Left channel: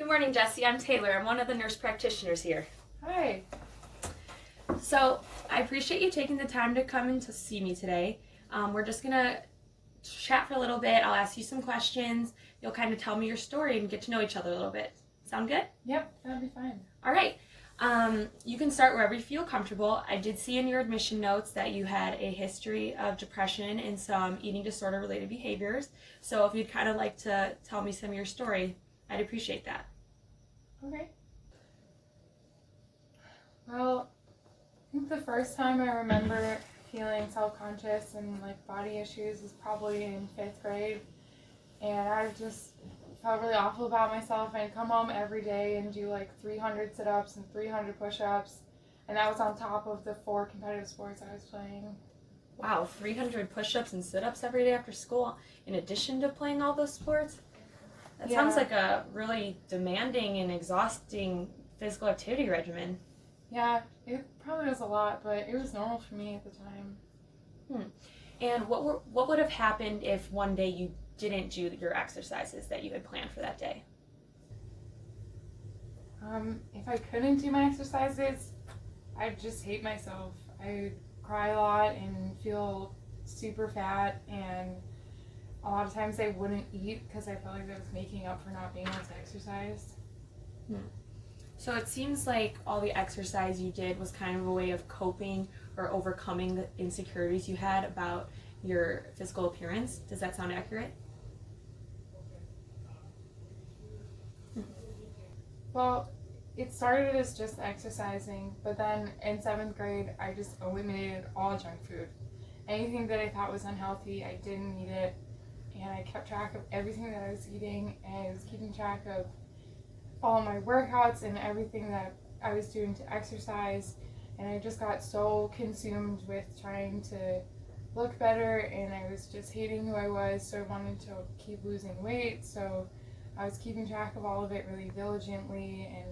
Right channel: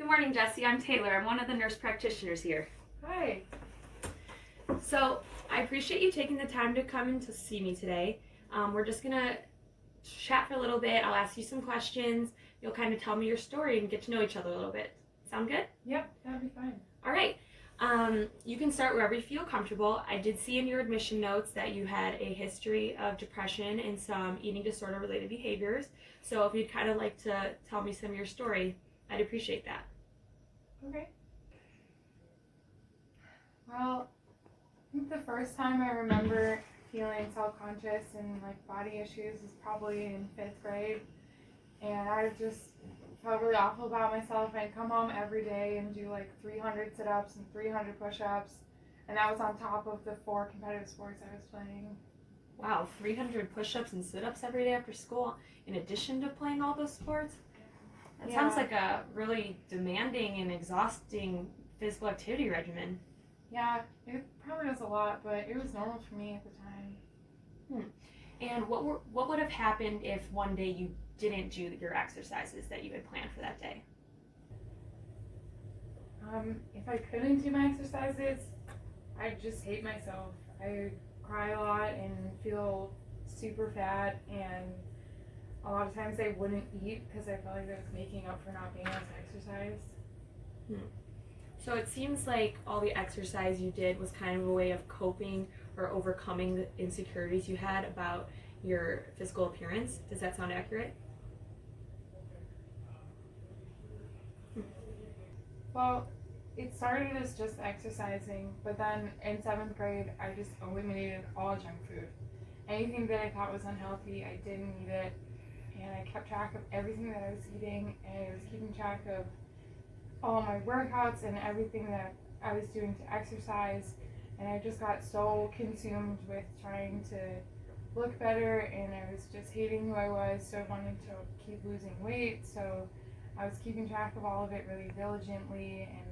Good morning, Jesse. I'm Taylor. I'm one of the nurse practitioners here. Hi. So I appreciate you taking the time to come and to see me today. We're just gonna chat for a little bit. I'll ask you some questions. You'll kind of tell me your story and get to know each other a little bit. Sound good? Yep, that'd be fine. All right. You can start wherever you feel comfortable. I did see in your admission notes that you had a history of depression and some eating disorder related behaviors. So if you'd kind of like to tell me some of your story, I'd appreciate that. Okay. Well, I think the first time I remember feeling self-conscious and like body issues was probably in 5th grade. And I just felt really awful about myself. I'd come home every day and do like 300 sit-ups and 300 push-ups. And that was on top of the 4 competitive sports I was playing. Wow, 300 push-ups and sit-ups every day after school in addition to playing all those sports? That sounds like a really demanding and exhausting physical activity regimen. Yeah, it probably was a lot, but it was normal for me at the time. And what would have happened if one day you didn't do your exercises that you had planned for that day? If I couldn't do my exercises, I'd just hate myself. I would cry a lot and feel super fat, and a lot of times I wouldn't eat because I felt like I was making up for not being able to exercise. So it seems like all the exercise you did was kind of a way of coping or overcoming the insecurities you had about your physical appearance. Does that sound accurate? Well, it started as just exercising, but then in 7th grade, I just eliminated all junk food. Anything that I thought was unhealthy, I didn't eat it, and I kept track of everything that I was eating, and I was keeping track of all my workouts and everything that I was doing to exercise, and I just got so consumed with trying to look better, and I was just hating who I was, so I wanted to keep losing weight, so I was keeping track of all of it really diligently, and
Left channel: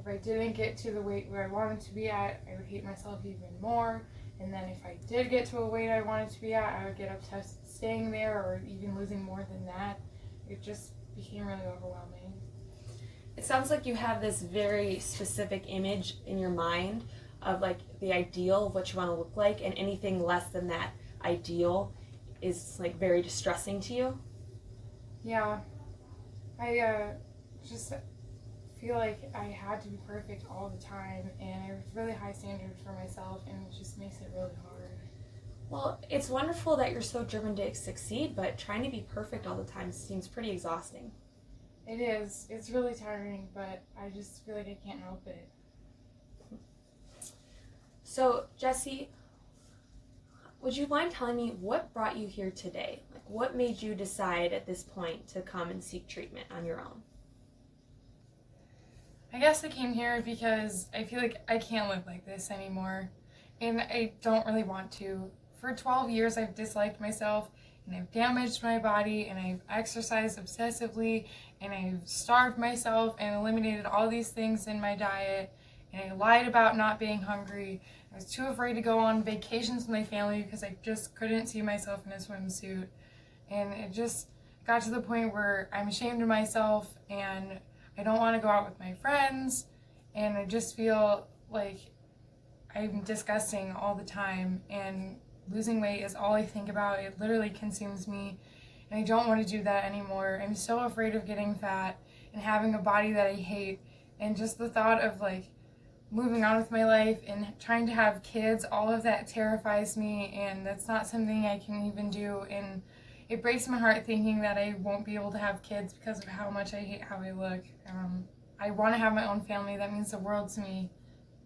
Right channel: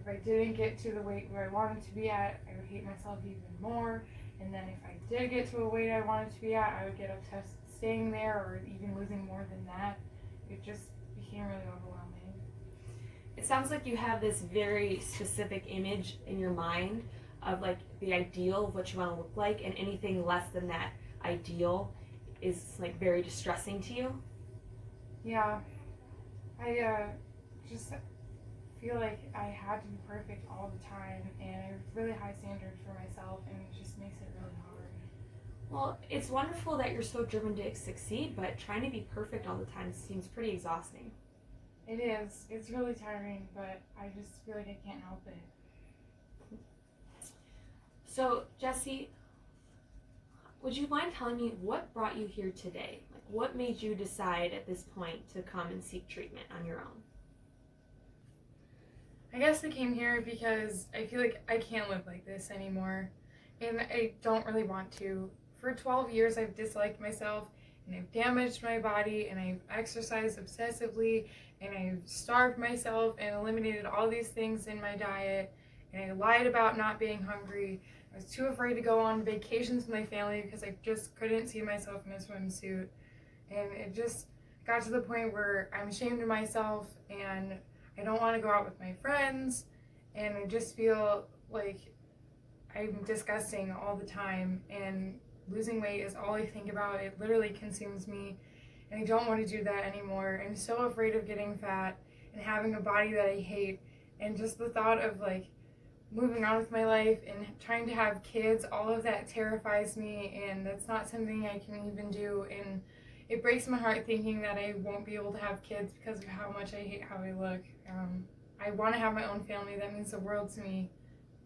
if I didn't get to the weight where I wanted to be at, I would hate myself even more, and then if I did get to a weight I wanted to be at, I would get obsessed with staying there or even losing more than that. It just became really overwhelming. It sounds like you have this very specific image in your mind of like the ideal of what you want to look like, and anything less than that ideal is like very distressing to you. Yeah, I just feel like I had to be perfect all the time, and I have really high standards for myself, and it just makes it really hard. Well, it's wonderful that you're so driven to succeed, but trying to be perfect all the time seems pretty exhausting. It is. It's really tiring, but I just feel like I can't help it. So, Jesse, would you mind telling me what brought you here today? Like, what made you decide at this point to come and seek treatment on your own? I guess I came here because I feel like I can't live like this anymore, and I don't really want to. For 12 years, I've disliked myself, and I've damaged my body, and I've exercised obsessively, and I've starved myself and eliminated all these things in my diet, and I lied about not being hungry. I was too afraid to go on vacations with my family because I just couldn't see myself in a swimsuit, and it just got to the point where I'm ashamed of myself, and I don't want to go out with my friends, and I just feel like I'm disgusting all the time, and losing weight is all I think about. It literally consumes me, and I don't want to do that anymore. I'm so afraid of getting fat and having a body that I hate, and just the thought of like moving on with my life and trying to have kids, all of that terrifies me, and that's not something I can even do, and it breaks my heart thinking that I won't be able to have kids because of how much I hate how I look. I want to have my own family. That means the world to me,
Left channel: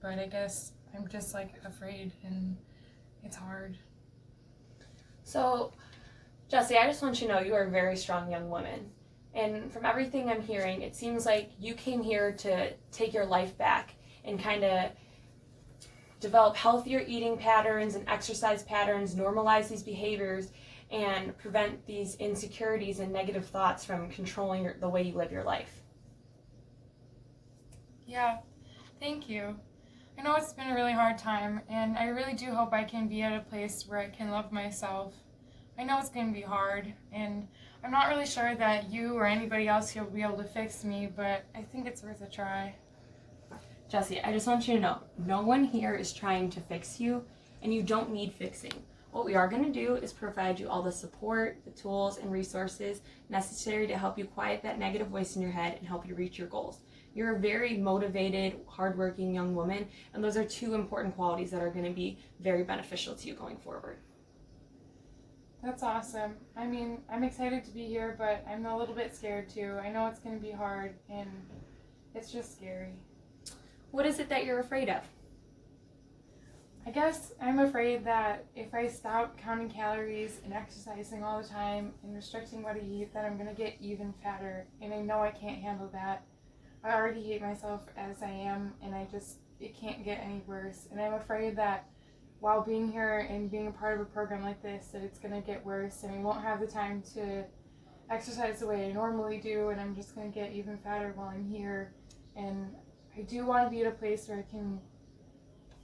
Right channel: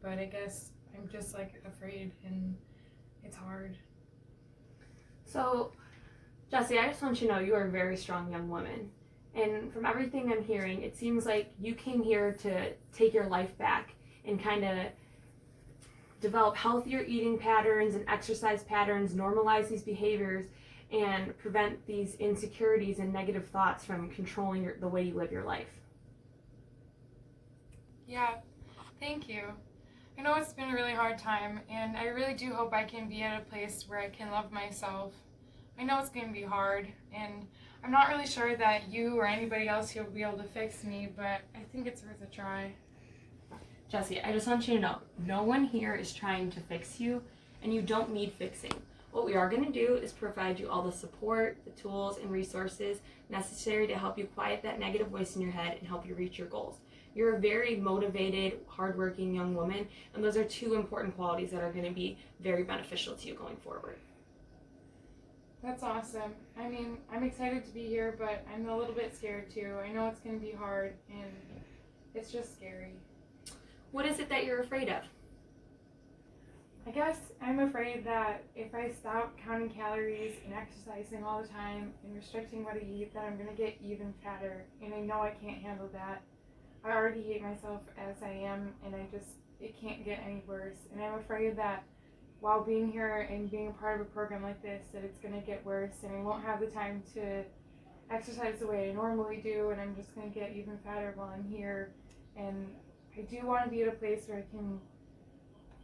but I guess I'm just like afraid, and it's hard. So, Jesse, I just want you to know you are a very strong young woman. And from everything I'm hearing, it seems like you came here to take your life back and kind of develop healthier eating patterns and exercise patterns, normalize these behaviors, and prevent these insecurities and negative thoughts from controlling the way you live your life. Yeah, thank you. I know it's been a really hard time, and I really do hope I can be at a place where I can love myself. I know it's going to be hard, and I'm not really sure that you or anybody else here will be able to fix me, but I think it's worth a try. Jesse, I just want you to know, no one here is trying to fix you, and you don't need fixing. What we are going to do is provide you all the support, the tools, and resources necessary to help you quiet that negative voice in your head and help you reach your goals. You're a very motivated, hardworking young woman, and those are two important qualities that are going to be very beneficial to you going forward. That's awesome. I mean, I'm excited to be here, but I'm a little bit scared too. I know it's going to be hard, and it's just scary. What is it that you're afraid of? I guess I'm afraid that if I stop counting calories and exercising all the time and restricting what I eat, that I'm going to get even fatter, and I know I can't handle that. I already hate myself as I am, and it can't get any worse. And I'm afraid that while being here and being a part of a program like this, that it's going to get worse, and I won't have the time to exercise the way I normally do, and I'm just going to get even fatter while I'm here. And I do want to be at a place where I can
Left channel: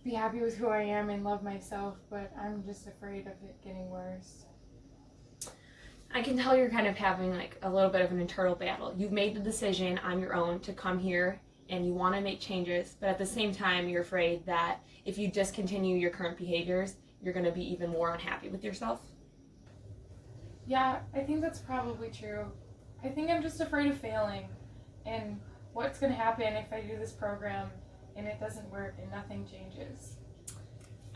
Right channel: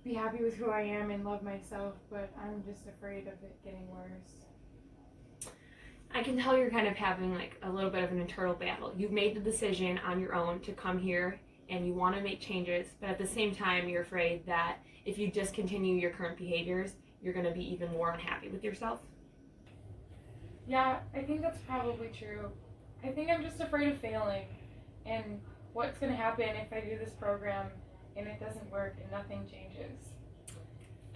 be happy with who I am and love myself, but I'm just afraid of it getting worse. I can tell you're kind of having like a little bit of an internal battle. You've made the decision on your own to come here and you want to make changes, but at the same time you're afraid that if you discontinue your current behaviors, you're going to be even more unhappy with yourself. Yeah, I think that's probably true. I think I'm just afraid of failing and what's going to happen if I do this program and it doesn't work and nothing changes.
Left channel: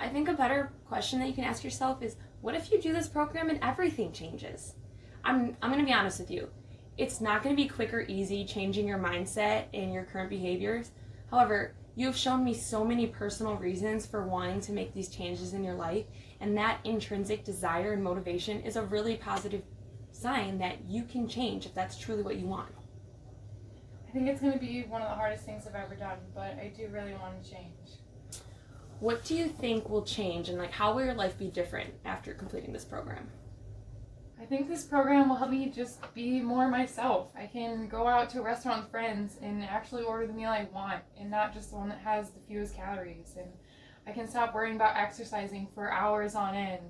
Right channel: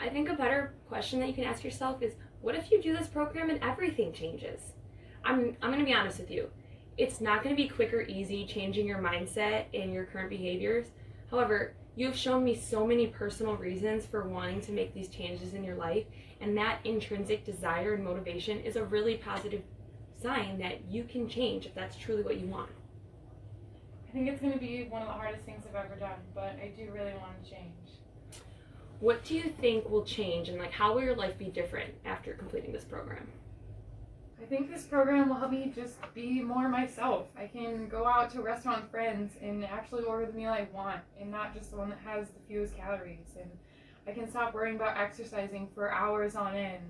I think a better question that you can ask yourself is, what if you do this program and everything changes? I'm going to be honest with you. It's not going to be quick or easy changing your mindset and your current behaviors. However, you've shown me so many personal reasons for wanting to make these changes in your life, and that intrinsic desire and motivation is a really positive sign that you can change if that's truly what you want. I think it's going to be one of the hardest things I've ever done, but I do really want to change. What do you think will change, and how will your life be different after completing this program? I think this program will help me just be more myself. I can go out to a restaurant with friends and actually order the meal I want and not just the one that has the fewest calories. And I can stop worrying about exercising for hours on end.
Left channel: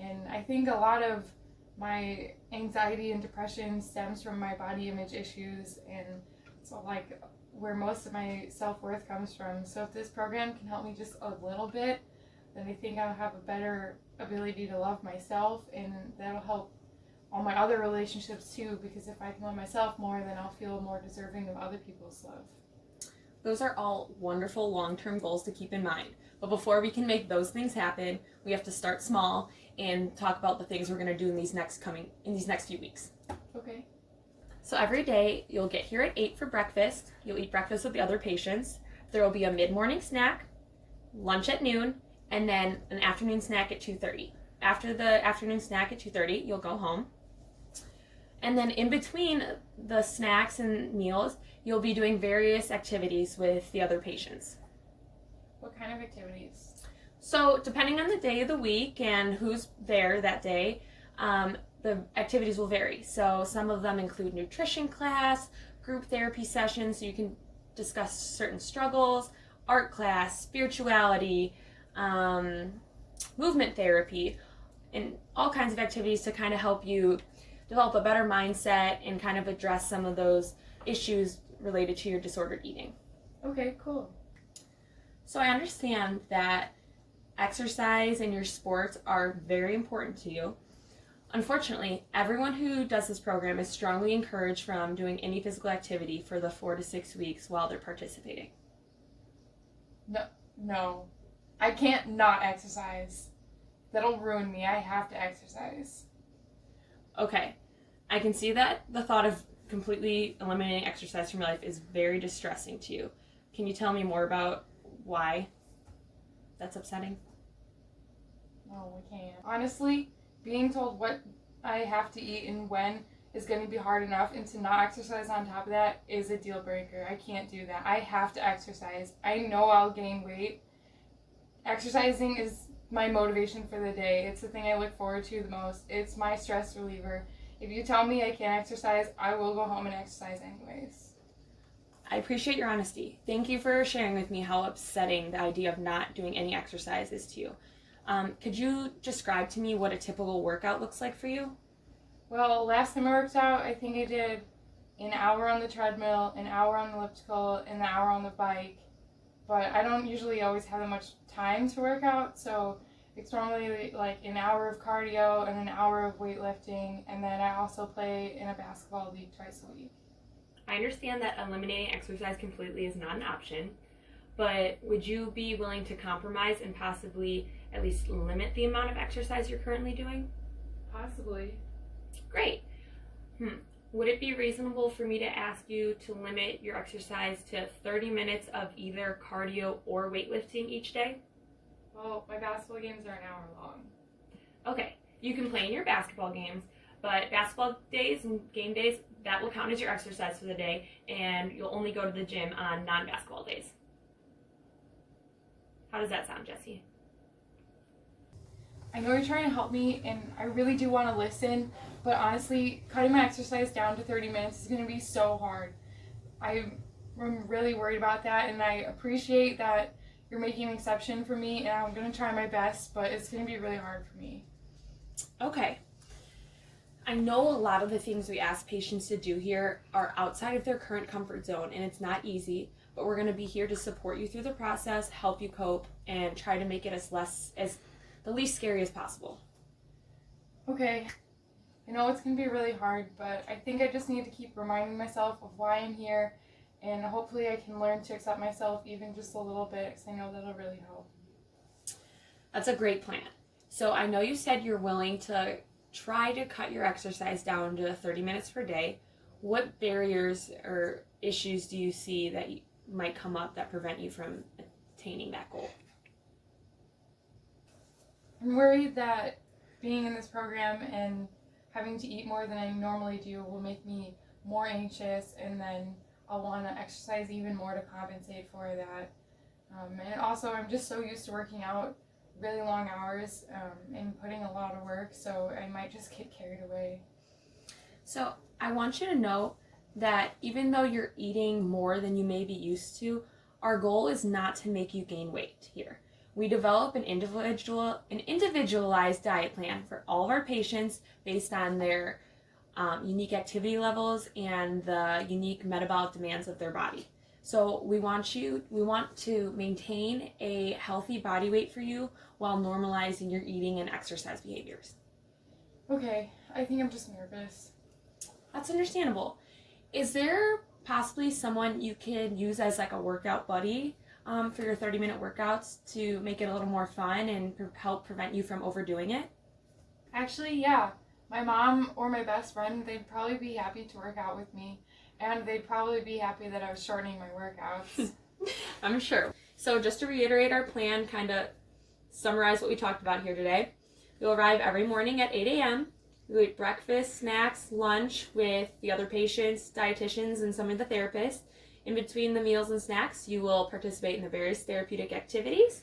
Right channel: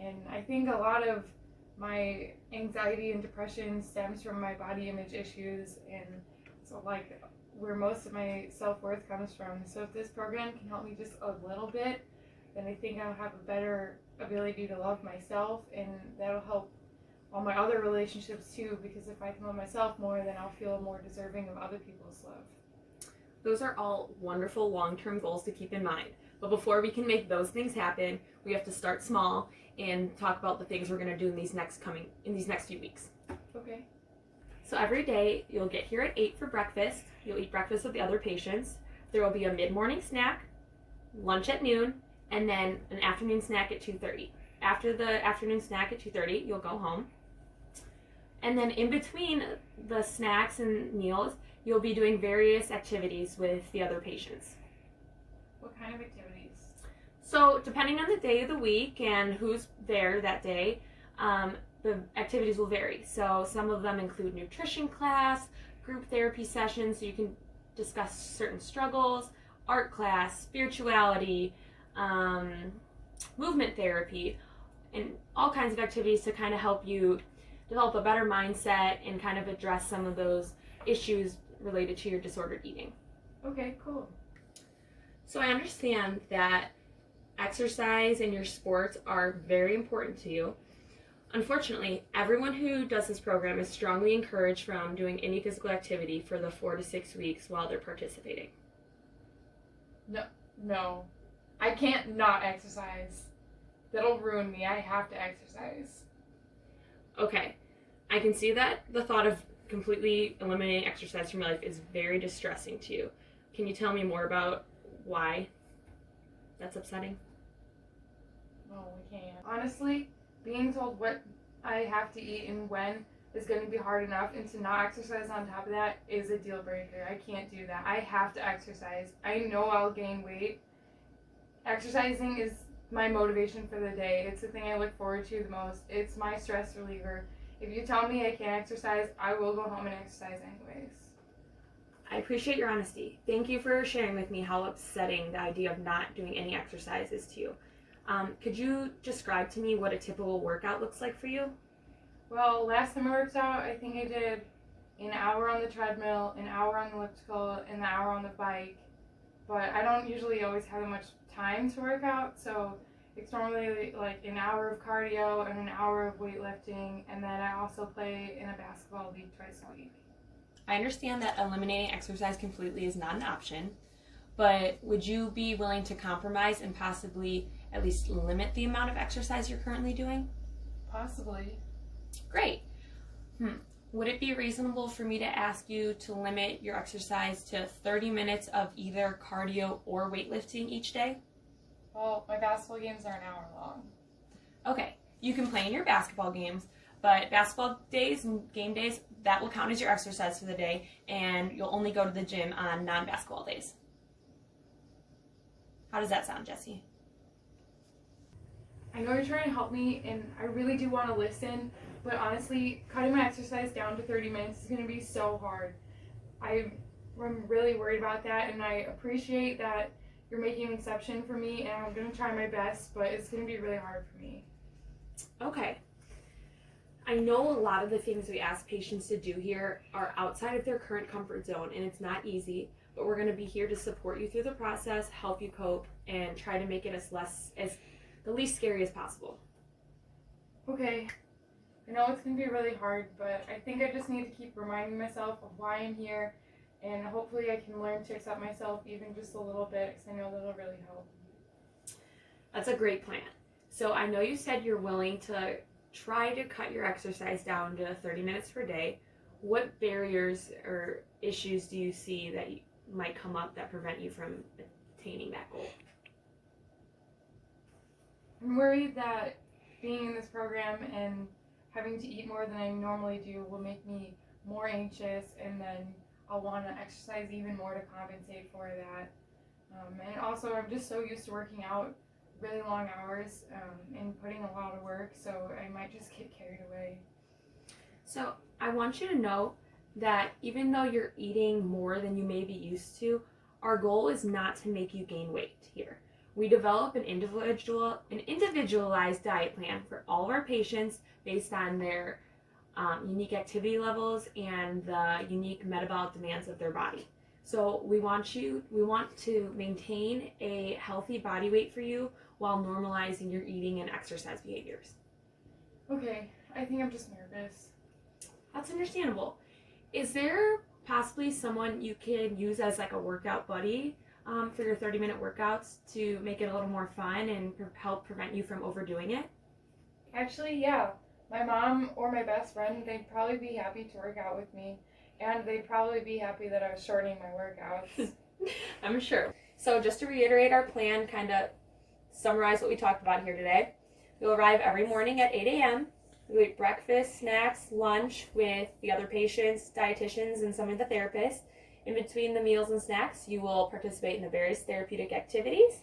And I think a lot of my anxiety and depression stems from my body image issues, and so where most of my self-worth comes from. So if this program can help me just a little bit, then I think I'll have a better ability to love myself, and that'll help all my other relationships too, because if I can love myself more, then I'll feel more deserving of other people's love. Those are all wonderful long-term goals to keep in mind. But before we can make those things happen, we have to start small and talk about the things we're going to do in these next few weeks. Okay. So every day you'll get here at 8 for breakfast. You'll eat breakfast with the other patients. There will be a mid-morning snack, lunch at noon, and then an afternoon snack at 2:30. After the afternoon snack at 2:30, you'll go home. And then in between the snacks and meals, you'll be doing various activities with the other patients. What kind of activities? So depending on the day of the week and who's there that day, the activities will vary. So some of them include nutrition class, group therapy sessions so you can discuss certain struggles, art class, spirituality, movement therapy, and all kinds of activities to kind of help you develop a better mindset and kind of address some of those issues related to your disordered eating. Okay, cool. So I understand that exercise and your sports are very important to you. Unfortunately, everyone who does this program is strongly encouraged from doing any physical activity for the 4 to 6 weeks while they're participating. No. I can't not exercise. That'll ruin me. I have to exercise. Okay, I can see that the thought of completely eliminating exercise from your life is very distressing to you. Can you tell me more about why that's upsetting? No, we can't. Honestly, being told what I have to eat and when is going to be hard enough, and to not exercise on top of that is a deal breaker. I can't do that. I have to exercise. I know I'll gain weight. Exercising is my motivation for the day. It's the thing I look forward to the most. It's my stress reliever. If you tell me I can't exercise, I will go home and exercise anyways. I appreciate your honesty. Thank you for sharing with me how upsetting the idea of not doing any exercise is to you. Could you describe to me what a typical workout looks like for you? Well, last time I worked out, I think I did an hour on the treadmill, an hour on the elliptical, and an hour on the bike. But I don't usually always have that much time to work out, so it's normally like an hour of cardio and an hour of weightlifting, and then I also play in a basketball league twice a week. I understand that eliminating exercise completely is not an option, but would you be willing to compromise and possibly at least limit the amount of exercise you're currently doing? Possibly. Great. Would it be reasonable for me to ask you to limit your exercise to 30 minutes of either cardio or weightlifting each day? Well, my basketball games are an hour long. Okay, you can play in your basketball games, but basketball days and game days, that will count as your exercise for the day, and you'll only go to the gym on non-basketball days. How does that sound, Jesse? I know you're trying to help me, and I really do want to listen, but honestly, cutting my exercise down to 30 minutes is going to be so hard. I'm really worried about that, and I appreciate that you're making an exception for me, and I'm going to try my best, but it's going to be really hard for me. Okay. I know a lot of the things we ask patients to do here are outside of their current comfort zone, and it's not easy, but we're going to be here to support you through the process, help you cope, and try to make it as the least scary as possible. Okay. I know it's going to be really hard, but I think I just need to keep reminding myself of why I'm here, and hopefully I can learn to accept myself even just a little bit, because I know that'll really help. That's a great plan. So I know you said you're willing to try to cut your exercise down to 30 minutes per day. What barriers or issues do you see that might come up that prevent you from attaining that goal? I'm worried that being in this program and having to eat more than I normally do will make me more anxious, and then I'll want to exercise even more to compensate for that. And also, I'm just so used to working out really long hours and putting a lot of work, so I might just get carried away. So I want you to know that even though you're eating more than you may be used to, our goal is not to make you gain weight here. We develop an individualized diet plan for all of our patients based on their unique activity levels and the unique metabolic demands of their body. So we want to maintain a healthy body weight for you while normalizing your eating and exercise behaviors. Okay, I think I'm just nervous. That's understandable. Is there possibly someone you could use as like a workout buddy for your 30-minute workouts to make it a little more fun and help prevent you from overdoing it? Actually, yeah. My mom or my best friend, they'd probably be happy to work out with me, and they'd probably be happy that I was shortening my workouts. I'm sure. So just to reiterate our plan, kind of summarize what we talked about here today. You'll arrive every morning at 8 a.m. You'll eat breakfast, snacks, lunch with the other patients, dietitians, and some of the therapists. In between the meals and snacks, you will participate in the various therapeutic activities.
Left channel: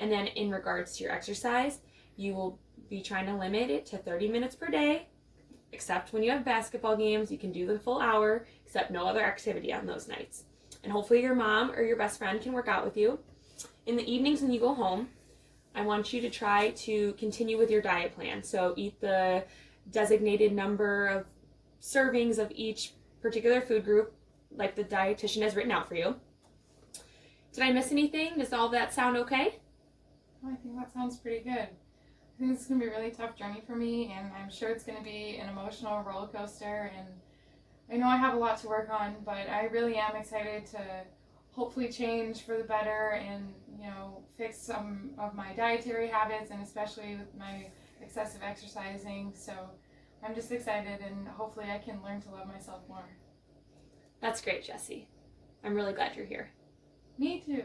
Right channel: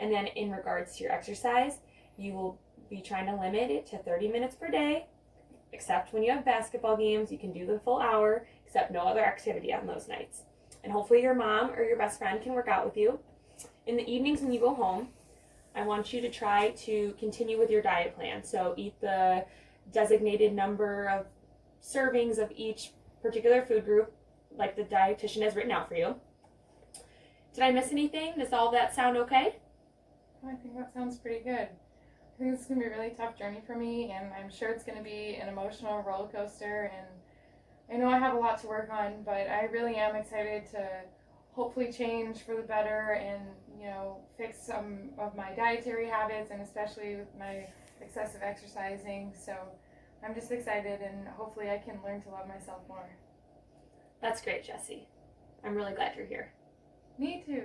And then in regards to your exercise, you will be trying to limit it to 30 minutes per day, except when you have basketball games. You can do the full hour, except no other activity on those nights. And hopefully your mom or your best friend can work out with you. In the evenings when you go home, I want you to try to continue with your diet plan. So eat the designated number of servings of each particular food group, like the dietitian has written out for you. Did I miss anything? Does all of that sound okay? I think that sounds pretty good. I think this is going to be a really tough journey for me, and I'm sure it's going to be an emotional roller coaster, and I know I have a lot to work on, but I really am excited to hopefully change for the better and, fix some of my dietary habits, and especially with my excessive exercising. So I'm just excited, and hopefully I can learn to love myself more. That's great, Jesse. I'm really glad you're here. Me too.